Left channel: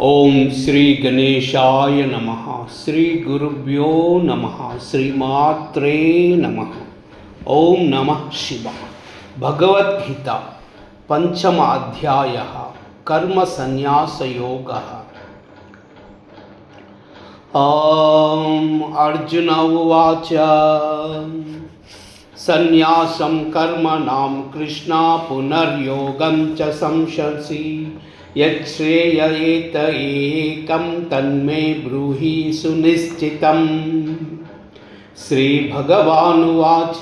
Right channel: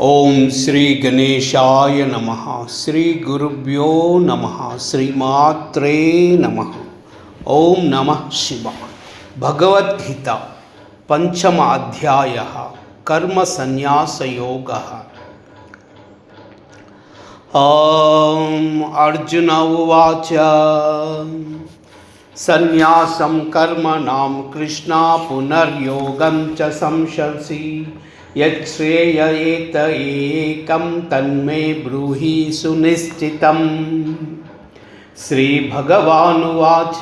ओम श्री गणेशाय नमः। श्री गुरुभ्यो नमः। श्रीमात्रे नमः। ओम नमः शिवाय। भगवद्गीता पंचम अध्यायः कर्म संन्यास योगः। अर्जुन उवाच संन्यासं कर्मणां कृष्ण पुनर्योगं च संशंसि यच्छ्रेययेत एकं तन्मे ब्रूहि सुनिश्चितम्। श्रीभगवानुवाच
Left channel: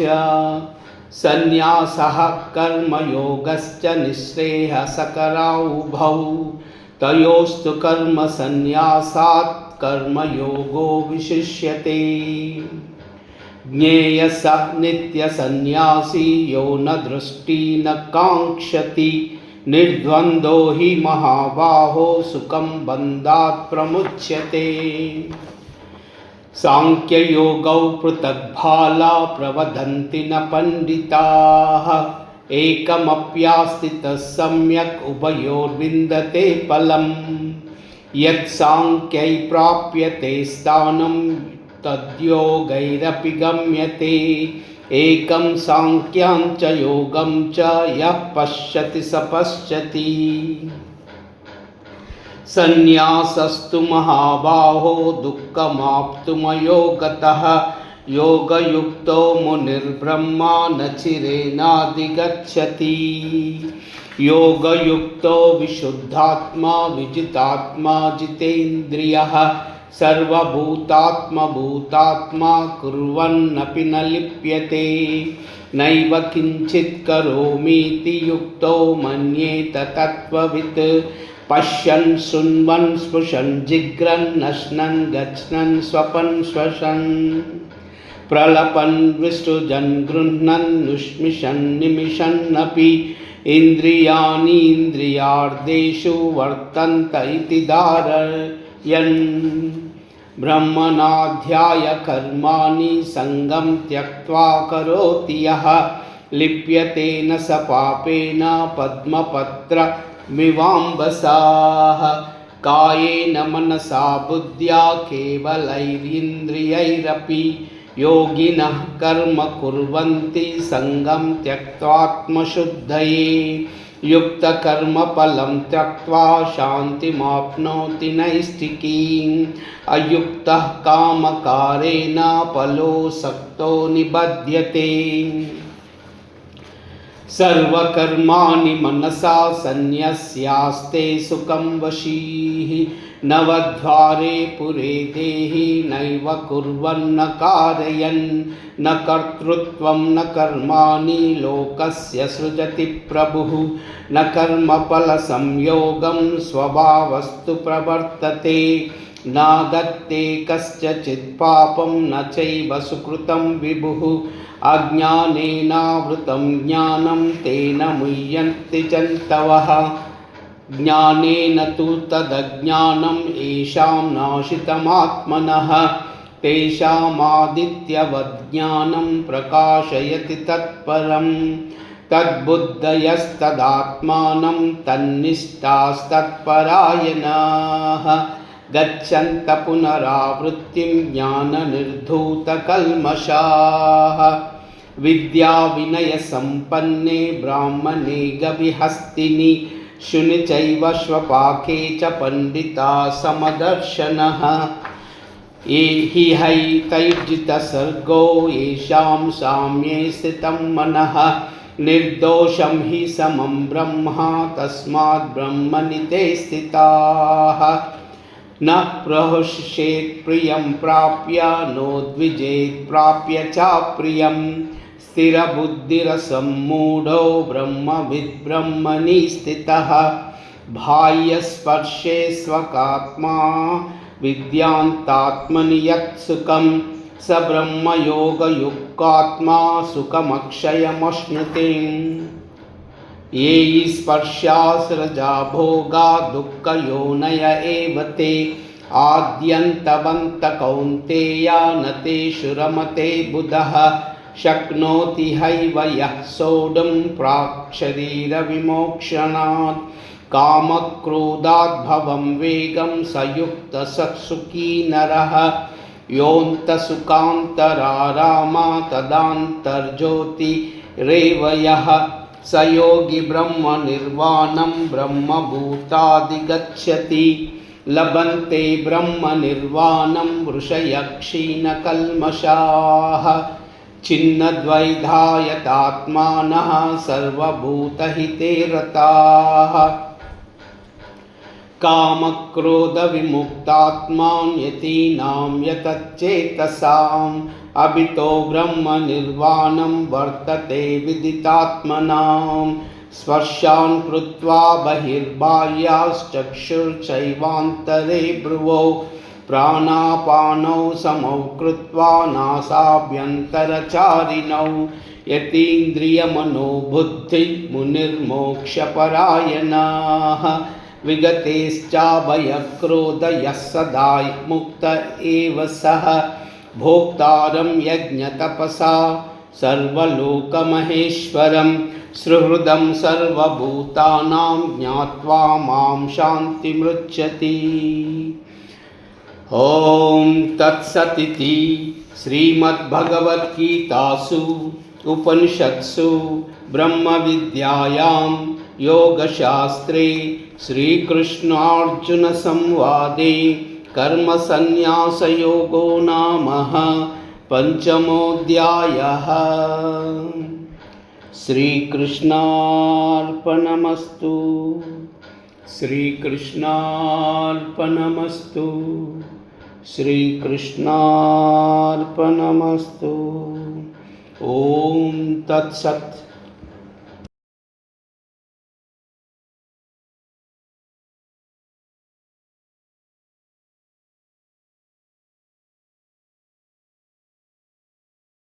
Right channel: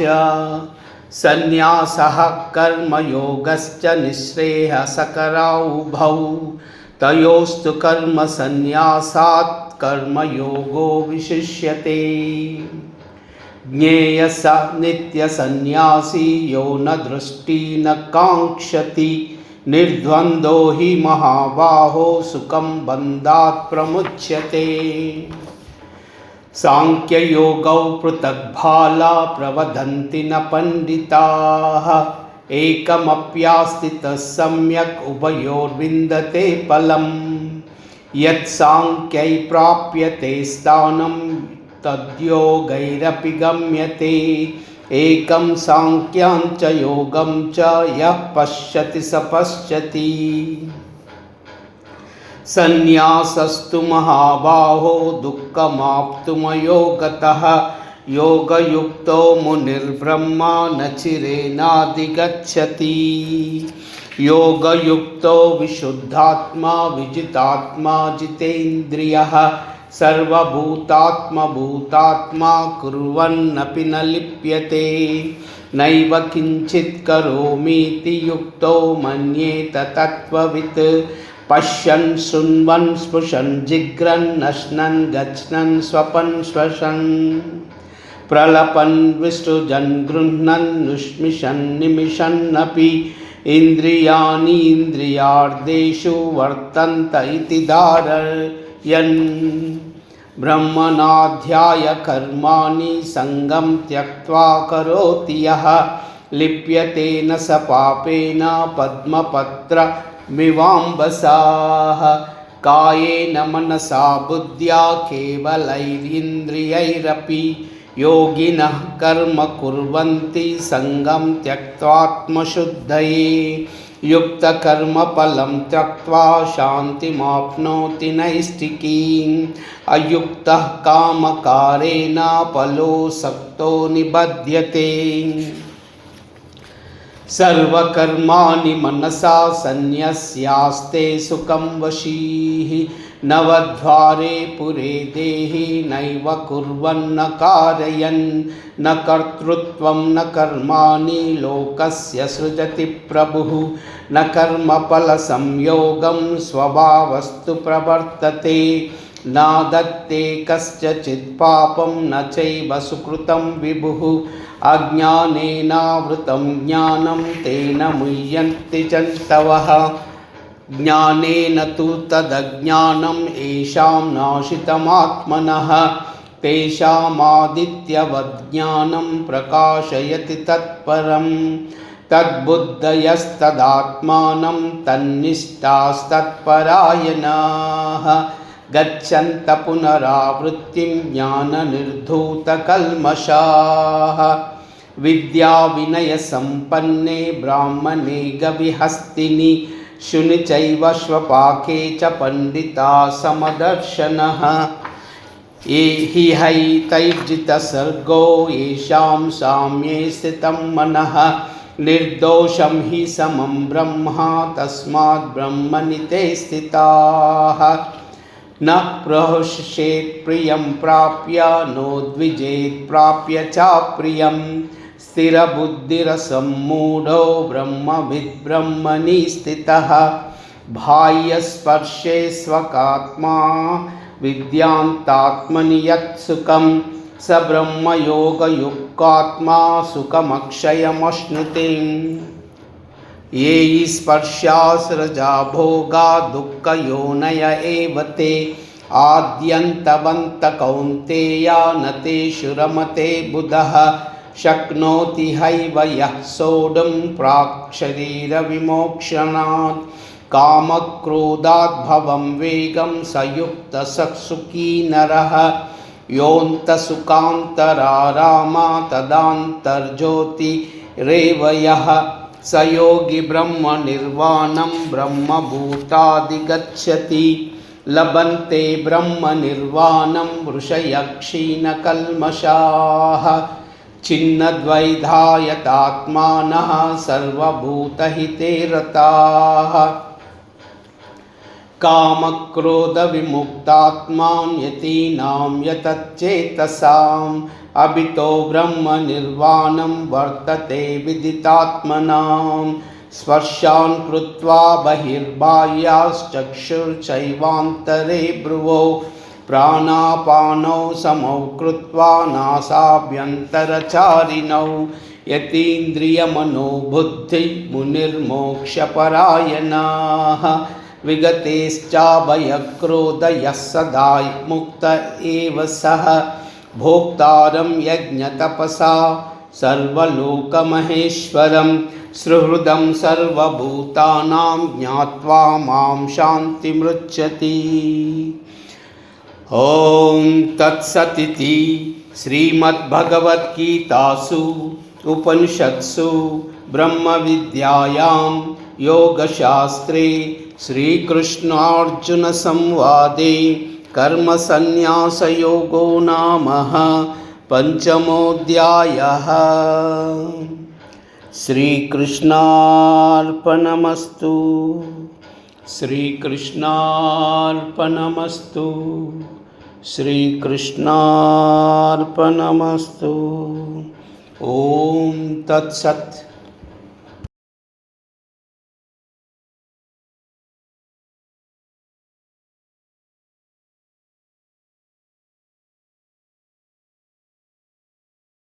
संन्यासः कर्मयोगश्च निःश्रेयसकरौ उभौ तयोस्तु कर्मसंन्यासात् कर्मयोगो विशिष्यते। ज्ञेयः स नित्यसन्न्यासी यो न दृष्टि न काङ्क्षति निर्द्वन्द्वो हि महाबाहो सुखं बन्धात् प्रमुच्यते। सांख्ययोगौ पृथग्बाला प्रवदन्ति न पण्डिताः एकमप्यास्थितः सम्यक् उभयोर्विन्दते फलम्। यत् सांख्यै प्राप्यते स्थानं तद्योगैरपि गम्यते। एकं सांख्यं च योगं च यः पश्यति स पश्यति। संन्यासस्तु महाबाहो दुःखमाप्तुमयो गतः योगयुक्तो मुनिर्ब्रह्मा न चिरेणाधिगच्छति। योगयुक्तो विशुद्धात्मा विजितात्मा जितेन्द्रियः सर्वभूतात्मभूतात्मा कुर्वन्नपि न लिप्यते। नैव किञ्चित् करोमीति युक्तो मन्येत तत्त्ववित्। पश्यन् शृण्वन् स्पृशन् जिघ्रन् नश्नन् गच्छन् स्वपन् श्वसन् प्रलपन् विसृजन् गृह्णन् निष्मिषन् निमिषन्नपि इन्द्रियाणि इन्द्रियार्थेषु वर्तन्त इति धारयन्। ब्रह्मणाध्याय कर्माणि सङ्गं त्यक्त्वा करोति यः लिप्यते न स पापेन पद्मपत्रमिवाम्बसा। कायेन मनसा बुद्ध्या केवलैरिन्द्रियैरपि योगिनः कर्म कुर्वन्ति सङ्गं त्यक्त्वात्मशुद्धये। युक्तकर्मफलं त्यक्त्वा शान्तिमाप्नोति नैष्ठिकीम्। अयुक्तः कामकारेण फलोऽसक्तो निबध्यते। सर्वकर्माणि मनसा सन्न्यस्यास्ते सुखं वशीः। नवद्वारे पुरे देहि नैव कुर्वन्न कारयन्। न कर्तृत्वं न कर्माणि लोकस्य सृजति प्रभुः। न कर्मफलसंयोगं स्वभावस्तु प्रवर्तते। न दत्ते कस्यचित् पापं न चैव सुकृतं विभुः। अज्ञानेनावृतं ज्ञानं तेन मुह्यन्ति जन्तवः। ज्ञानेन तु तदज्ञानं येषां नाशितमात्मनः तेषामादित्यवद् ज्ञानं प्रकाशयति तत्परं। तद्बुद्धयस्तदात्मानं तन्निष्ठास्तत्परायणाः गच्छन्त पुनरावृत्तिं ज्ञाननिर्धूतकल्मषाः। विद्याविनयसम्पन्ने ब्राह्मणे गविहस्तिनि शुनि चैव श्वपाके च पंडिता समदर्शनः। हि हैतैर्जितसर्गो येषां साम्ये स्थितं मनः। निर्दोषं हि समं ब्रह्म तस्मात् ब्रह्मणि ते स्थिताः। न प्रहृष्येत् प्रियं प्राप्य नोद्विजेत् प्राप्य चाप्रियम्। स्थिरबुद्धिरसम्मूढो ब्रह्मविद् ब्रह्मणि स्थितः। बाह्यस्पर्शे स्वकात्मा विद्यान्तात्मनि यत् सुखं स ब्रह्मयोगयुक्तात्मा सुखमक्षयमश्नुते। ये स्पर्शास्रजा भोगा दुःखयोनय एव ते आद्यन्तवन्त कौन्तेया न तेषु रमते बुधः। शक्नोति हैव यः सोढुं प्राक् शरीरविमोक्षणात् कामक्रोधाद्भवं वेगं सयुक्तसत्सुखी नरः योऽन्तसुखान्तरारामा तदान्तर्ज्योतिरेव यः स योगी ब्रह्मनिर्वाणं ब्रह्मभूतादिगच्छति लभन्ते ब्रह्मनिर्वाणं ऋषयः क्षीणकल्मषाः छिन्नद्वैधायतात्मानः सर्वभूतहिते रताः कामक्रोधविमुक्तात्मान् यतीनां यतच्चेतसाम् अभितो ब्रह्मनिर्वाणं वर्तते विदितात्मनां स्पर्शान् कृत्वा बहिर्बाह्याश्चक्षुर्चैवान्तरे भ्रुवौ प्राणापानौ समौ कृत्वा नासाभ्यन्तरचारिणौ यतीन्द्रियमनोबुद्धिमुनिर्मोक्षपरायणाः विगतेश्चाभयक्रोधयः सदा मुक्त एव सः भोक्तारं यज्ञतपसा सर्वलोकमहेश्वरं सुहृदं सर्वभूतानां ज्ञात्वा मां शान्तिमृच्छति। ॐ तत्सदिति श्रीमद्भगवद्गीतासु उपनिषत्सु ब्रह्मविद्यायां योगशास्त्रे श्रीकृष्णार्जुनसंवादे कर्मसन्न्यासयोगो नाम पंचमोऽध्यायः। श्रीकृष्णार्पणमस्तु। श्रीकृष्णार्पणमस्तु। श्रीकृष्णार्पणमस्तु। ॐ तत्सत्।